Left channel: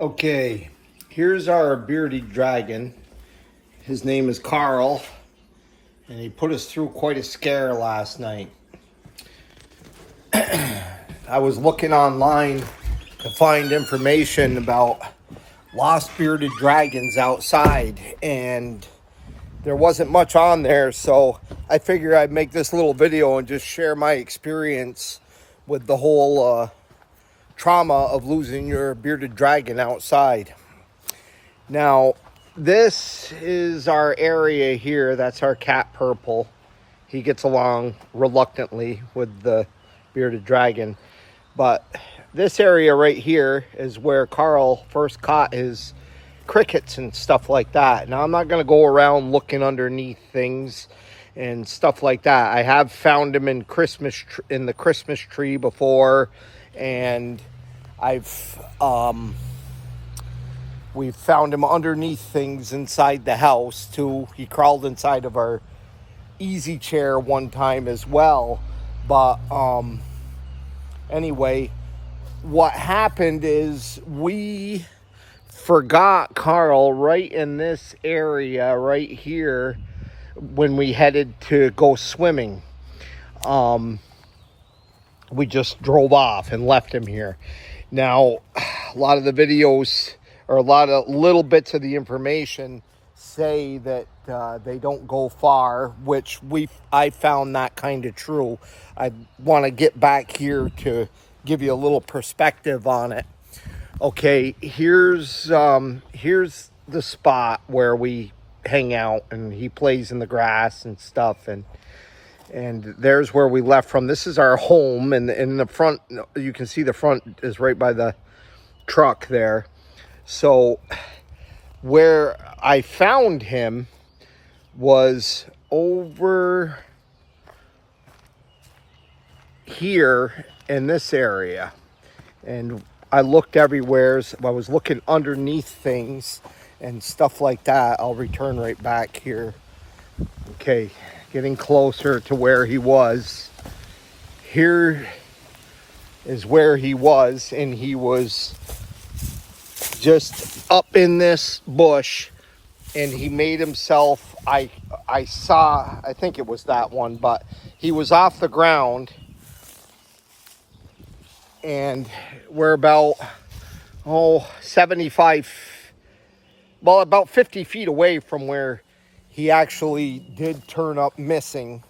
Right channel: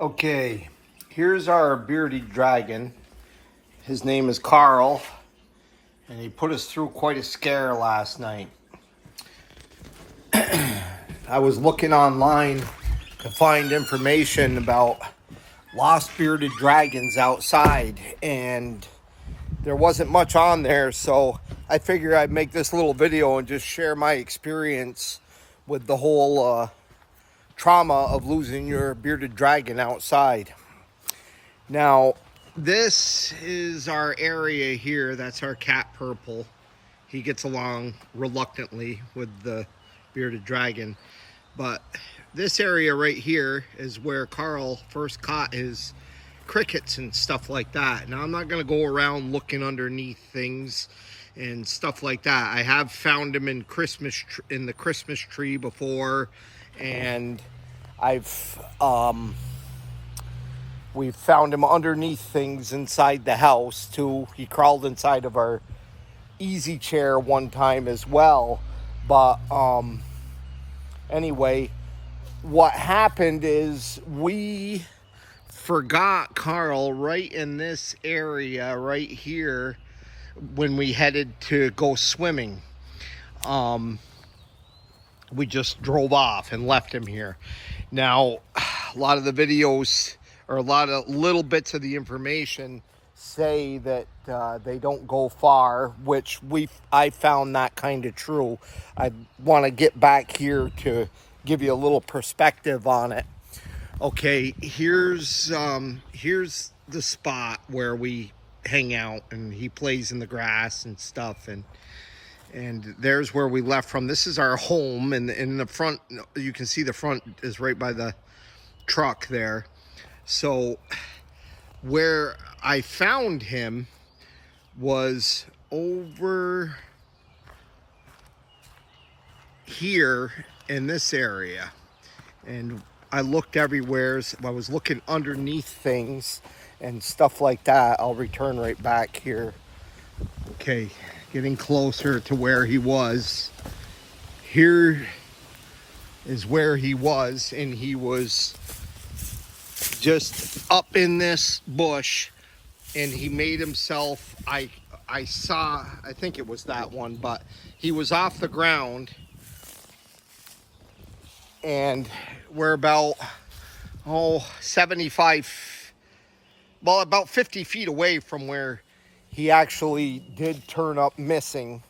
Okay, here's our bearded dragon. His name is Carl, and he put us through quite a scare last night. I was looking online to find information about lost bearded dragons outside, and there wasn't much on there, so I figured I'd make this little video and just share my experience with the whole trauma of losing your bearded dragon outside. Now, this is our area here. That's our cat Purple. He gets along reluctantly with the bearded dragon. But this area right here is where Carl first caught his crickets and stuff like that. Now, I'm not going to go around looking underneath things and stuff like that. I have found him in the Christmas tree before, and we've found him underneath things inside the house too. He crawled inside of our easy chair one time as well. But anyway, what happened is we forgot Carl right in this area right here when we headed to go swimming. We just drove off and left him here. Now, a lot of the videos or a lot of little bits of the information say that they don't go far, which I found that kind of true. I want to get back here to give you a little perspective on it. Okay, here's the spot where we hang out, and he plays in the grass and stuff, and there's where we left from. This is our home, and in the front, you can see the front is right by the truck there. So where I found him was over here in this area, and I looked everywhere. I was looking underneath things and stuff like that. I'll return right back here. Okay, getting closer to where he was. Here is where he was, and he was just up in this bush, and he made himself, I think it was that one, but he was off the ground, and we're about 50 feet away from where he actually did turn up missing.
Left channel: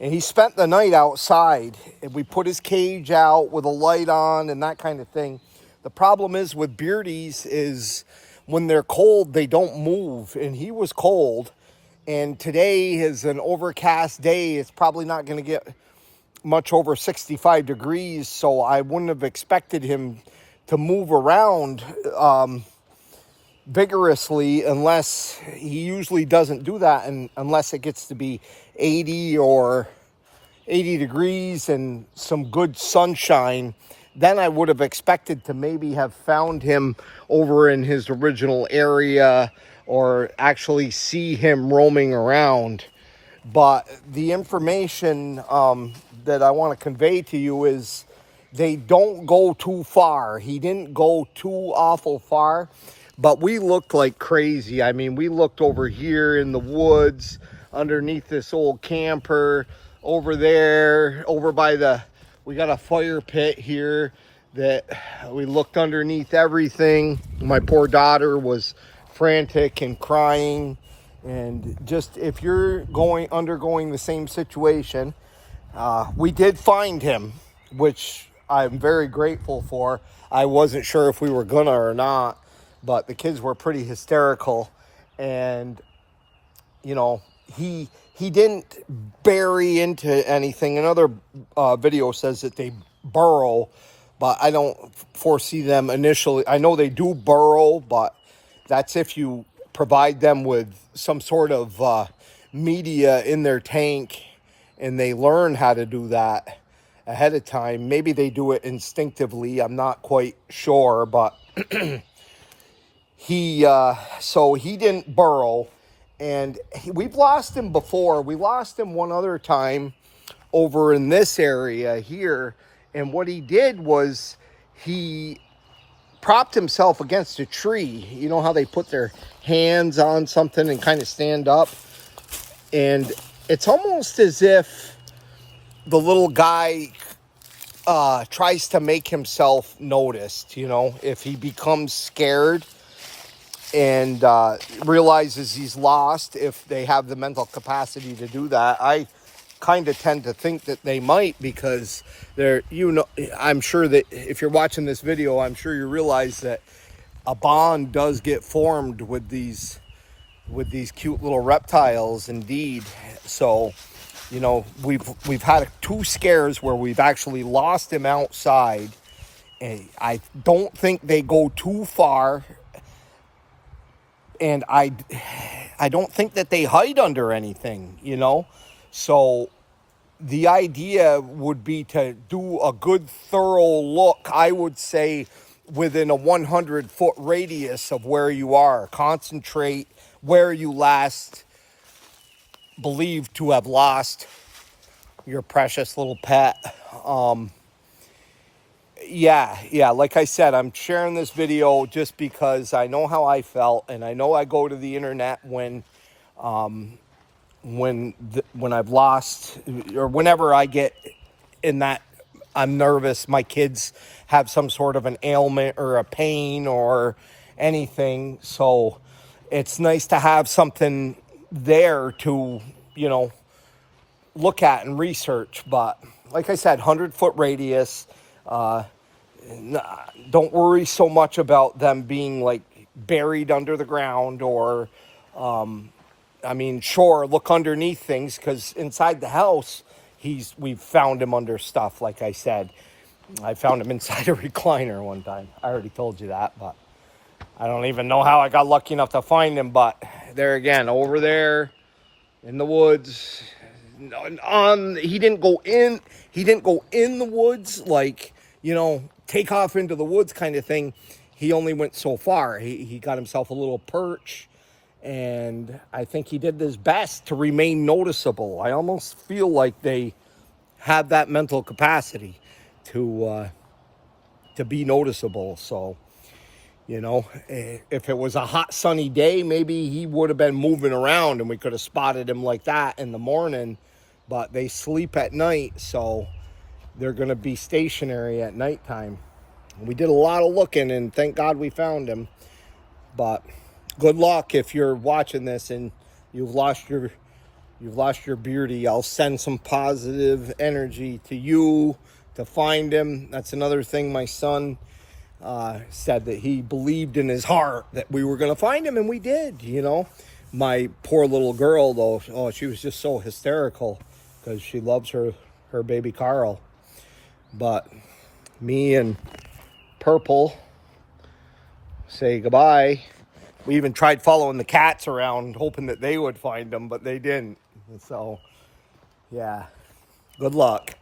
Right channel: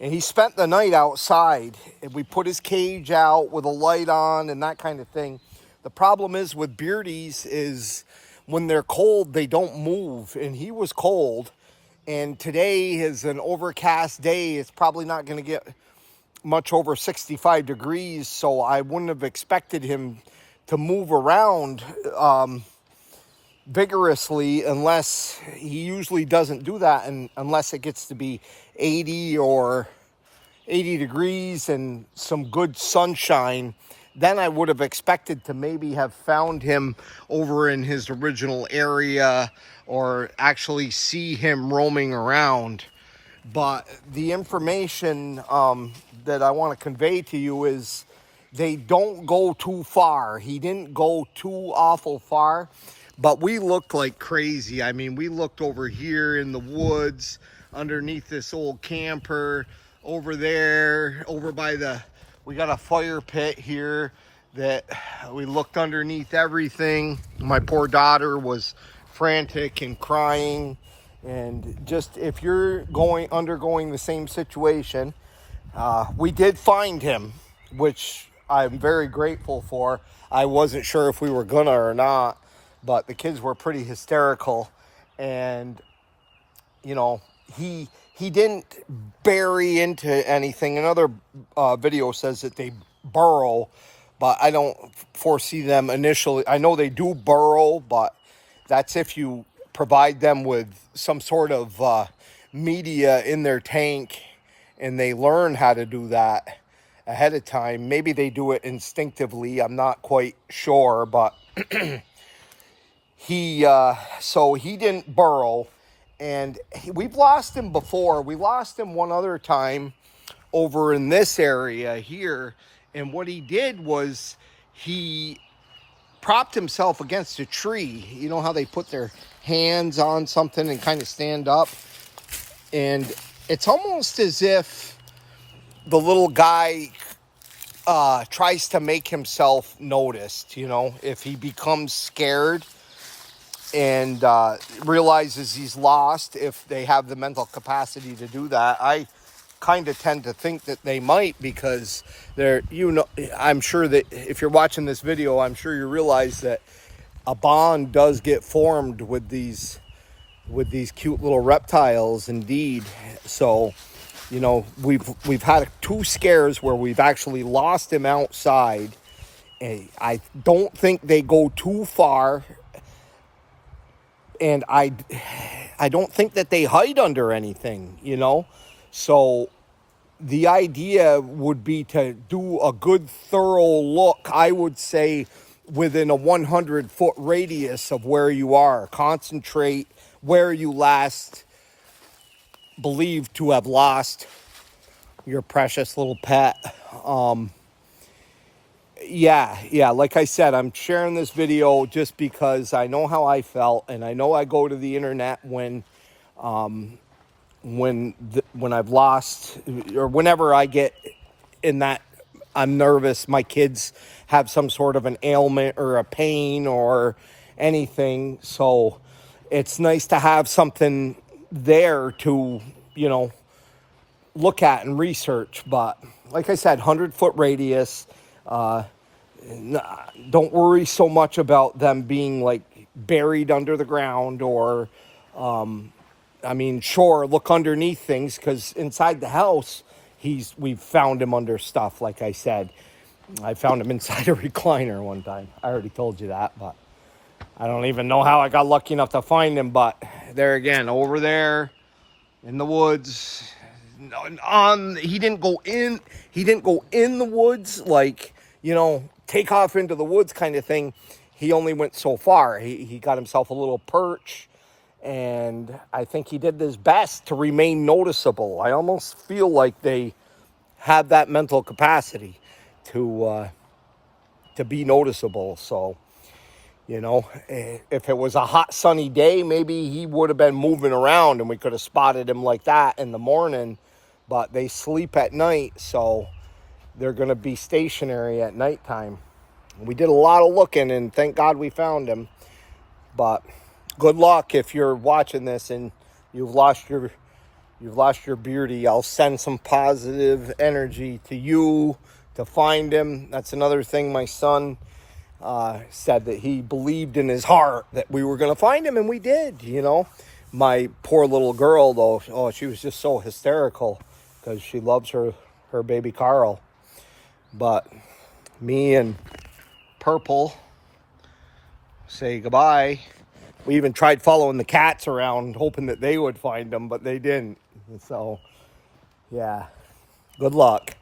And he spent the night outside, and we put his cage out with a light on and that kind of thing. The problem is with beardies is when they're cold, they don't move, and he was cold. And today is an overcast day. It's probably not going to get much over 65 degrees, so I wouldn't have expected him to move around vigorously, unless he usually doesn't do that, and unless it gets to be 80 degrees and some good sunshine. Then I would have expected to maybe have found him over in his original area, or actually see him roaming around. But the information that I want to convey to you is they don't go too far. He didn't go too awful far, but we looked like crazy. I mean, we looked over here in the woods, underneath this old camper, over there, over by we got a fire pit here that we looked underneath everything. My poor daughter was frantic and crying. And just, if you're undergoing the same situation, we did find him, which I'm very grateful for. I wasn't sure if we were gonna or not, but the kids were pretty hysterical, and you know, he didn't bury into anything. Another video says that they burrow, but I don't foresee them initially. I know they do burrow, but that's if you provide them with some sort of media in their tank, and they learn how to do that ahead of time. Maybe they do it instinctively. I'm not quite sure, but so he didn't burrow, and we've lost him before. We lost him one other time over in this area here, and what he did was he propped himself against a tree. You know how they put their hands on something and kind of stand up? And it's almost as if the little guy tries to make himself noticed, you know, if he becomes scared and realizes he's lost, if they have the mental capacity to do that. I kind of tend to think that they might, because they're, you know, I'm sure that if you're watching this video, I'm sure you realize that a bond does get formed with these cute little reptiles indeed. So, you know, we've had 2 scares where we've actually lost him outside, and I don't think they go too far, and I don't think that they hide under anything, you know. So the idea would be to do a good thorough look, I would say, within a 100-foot radius of where you are. Concentrate where you last believed to have lost your precious little pet. Yeah, like I said, I'm sharing this video just because I know how I felt, and I know I go to the internet when I've lost, or whenever I get in that I'm nervous, my kids have some sort of an ailment or a pain or anything. So it's nice to have something there to, you know, look at and research. But like I said, 100-foot radius. Don't worry so much about them being like buried under the ground, or I mean, sure, look underneath things, because inside the house we've found him under stuff. Like I said, I found him inside a recliner one time. I already told you that, but I don't even know how I got lucky enough to find him. But there again, over there in the woods, he didn't go in the woods, like, you know, take off into the woods kind of thing. He only went so far. He got himself a little perch, and I think he did his best to remain noticeable. I almost feel like they have that mental capacity to be noticeable. So, you know, if it was a hot sunny day, maybe he would have been moving around and we could have spotted him like that in the morning. But they sleep at night, so they're going to be stationary at nighttime. We did a lot of looking, and thank God we found him. But good luck if you're watching this and you've lost your beauty. I'll send some positive energy to you to find him. That's another thing. My son said that he believed in his heart that we were going to find him, and we did, you know. My poor little girl, though, oh, she was just so hysterical because she loves her baby Carl. But me and Purple say goodbye. We even tried following the cats around, hoping that they would find them, but they didn't. So, yeah, good luck.